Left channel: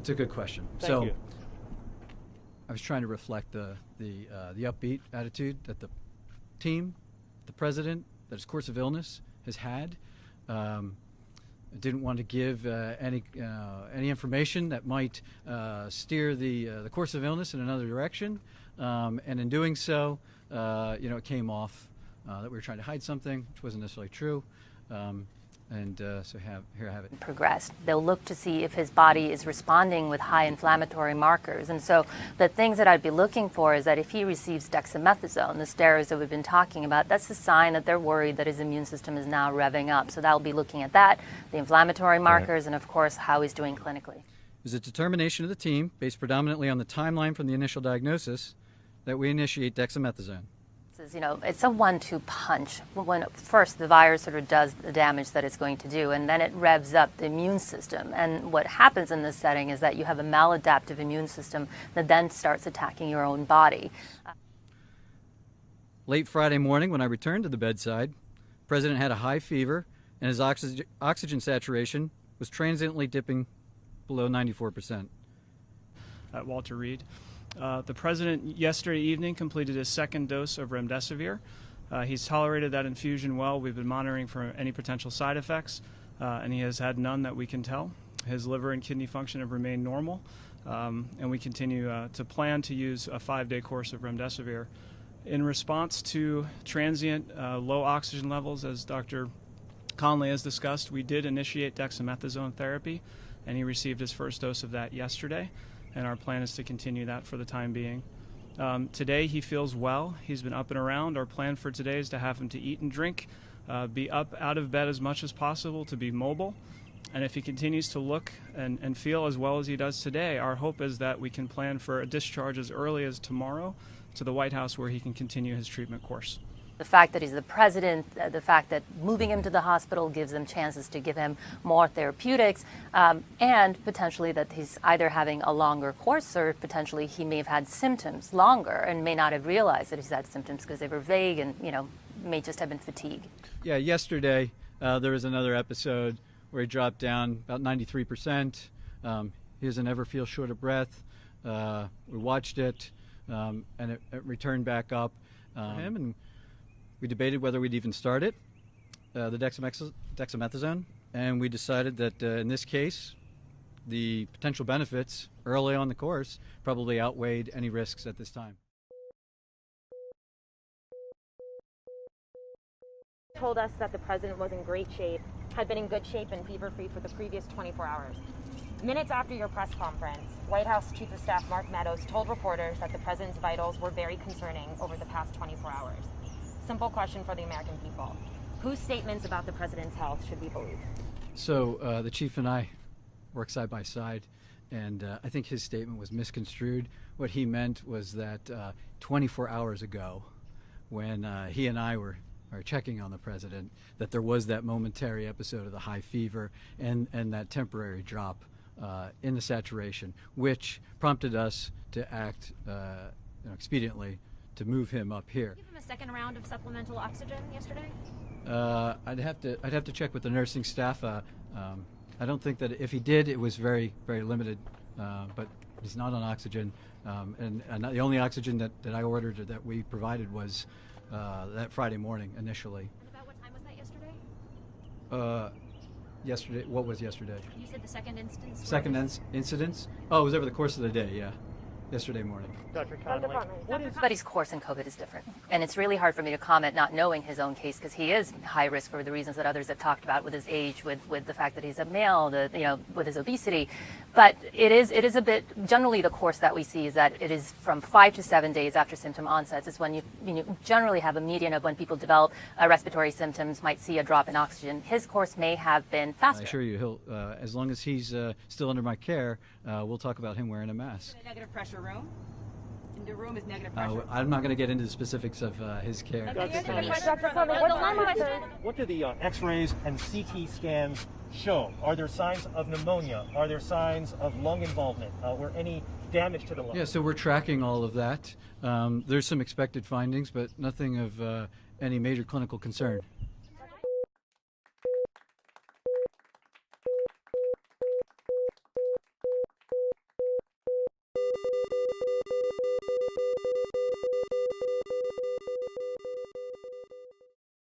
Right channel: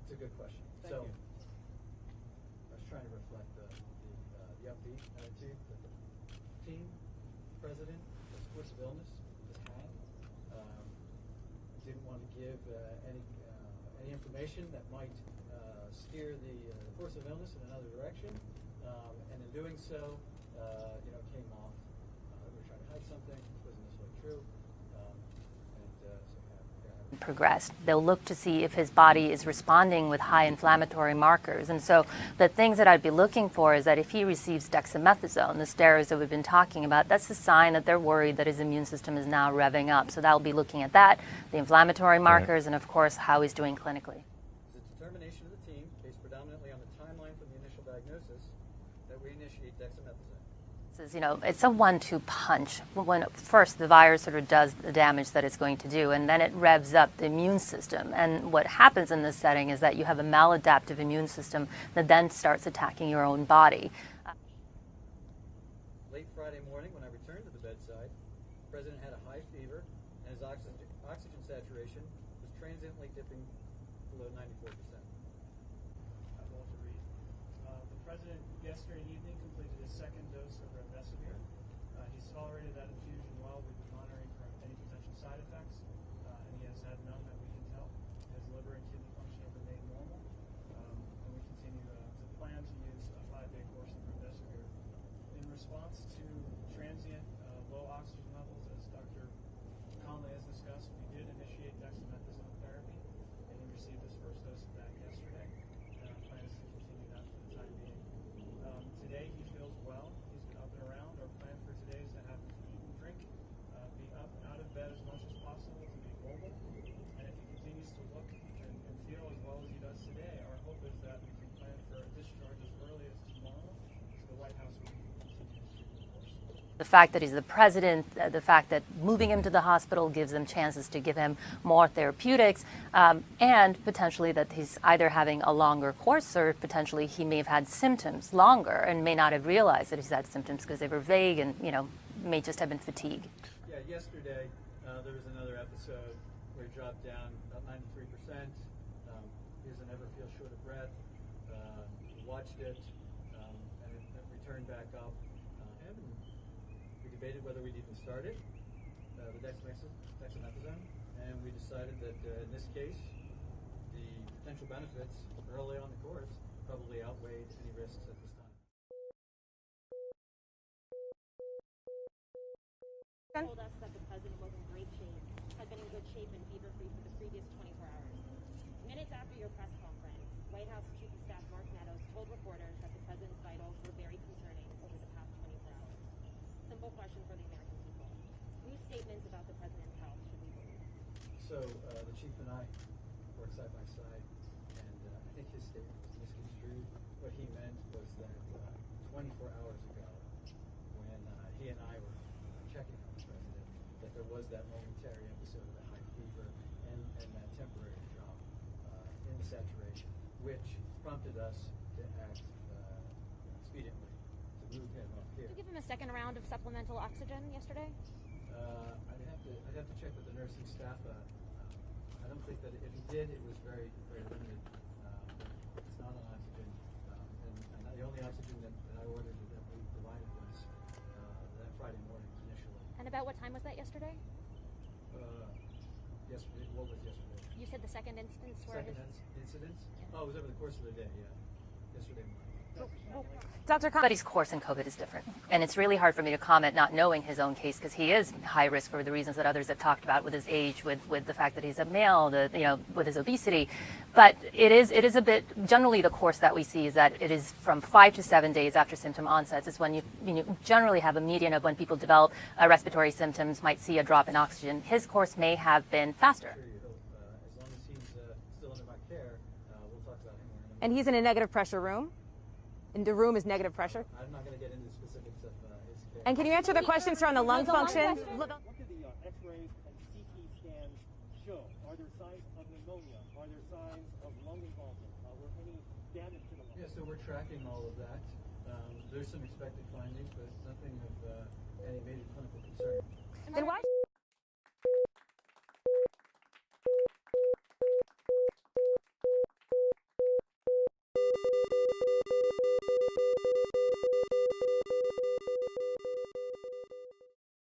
It's a good question. Thank you. I was trying to reflect the upbeat attitude that the team, the president, that his course of illness has had. I didn't want to give any information that might steer the course of illness in another direction, and in doing so, it came off that we were trying to hide something, which wasn't necessarily true. So here I have it. Progressed. They'll look to see if his body is responding with high inflammatory markers. And so the things that I'd be looking for is that if he receives dexamethasone, the steroids that we've been talking about, that's a sign that they're worried that his immune system is now revving up. So that'll be looking at that, the inflammatory markers, and of course how he's doing clinically. It was a determination of the team, based predominantly on the timeline from the initial diagnosis, that we initiate dexamethasone. It's a 1-2 punch. When first the virus sort of does the damage that it's going to do, and then it revs up the immune system. And what happens in this setting is that you have a maladaptive immune system that then starts attacking your own body. Late Friday morning, when I returned to the bedside, the president had a high fever, and his oxygen saturation was transiently dipping below 94%. At Walter Reed. The president yesterday evening completed his second dose of remdesivir. He's tolerated that infusion well. We've been monitoring for any potential side effects, and he has had none that we can tell. His liver and kidney function have remained normal, and we continue to plan to use a 5-day course of remdesivir. In response to transient low oxygen levels, as Dr. Conley has discussed, we did initiate dexamethasone therapy, and he received his first dose of that yesterday. And our plan is to continue that for the time being. Today he feels well. He's been up and around. Our plan for today is to have him to eat and drink, be up out of bed as much as possible, to be mobile. And if he continues to look and feel as well as he does today, our hope is that we can plan for a discharge as early as tomorrow to the White House, where he can continue his treatment course. The fact that he's the president, the fact that moving him to the hospital gives them chances to give him more therapeutics, and potentially that he's either having a longer course or potentially he may have had symptoms longer and may not have realized that he's had symptoms because they were vague and, may just have been fatigue. Yeah, yesterday there was another episode where he dropped down about 93%. He doesn't ever feel short of breath. We watched it, and it returned back up. And we debated whether we'd even start it, the dexamethasone, and we decided that in this case, the potential benefits early on the course probably outweighed any risks at this time. Told us that the president was in great shape, had been in good shape and fever-free for the previous 24 hours. Minutes after your press conference, White House Chief of Staff Mark Meadows told reporters that the president's vitals were very concerning over the past 24 hours. Simple question for the American people. Whose statements about the president's health should we believe? So the chief and I work side by side, and I think his statement was misconstrued. What he meant was that 24 hours ago, when he and I were checking on the president, that there was that momentary episode of the high fever and that temporary drop in the saturation, which prompted us to act expediently to move him up here. Give him a second round of supplemental oxygen yesterday? I'd have to check with the nursing staff. I don't think that if he did, it was very, very limited. But he's not on oxygen, and the only oxygen that I ordered or that we provided was that Friday morning initially. And about what time was that yesterday? Yesterday. What was yesterday? You said the second instance. Second incidence? Oh, it was over the course of the day. Yeah, yesterday morning. Dr. Conley. Everybody's course in COVID is different. And it's really hard for me to comment not knowing his own case because he is high risk for the reasons that others have talked about with his age, with the fact that he's a male, with his obesity. But it is a bit, generally the course that we see is that it is from 5 to 7 days after symptom onsets is when you generally have a median of when people develop respiratory symptoms, might see a drop in oxygen. His course may have been faster. I assure you, he'll, as long as he's still under my care, we'll talk about him wearing a mask. And he's in a negative pressure room? And the room is negative pressure? I'm not going to get into the specifics of his care. And can you answer the questions around the lung function? What do the X-rays and CT scans show? Are there signs of pneumonia? Are there signs of lung involvement or any damage to the lung? Yeah, so we're tracking all of that. There's some expected findings, but nothing of any major clinical concern. Then why?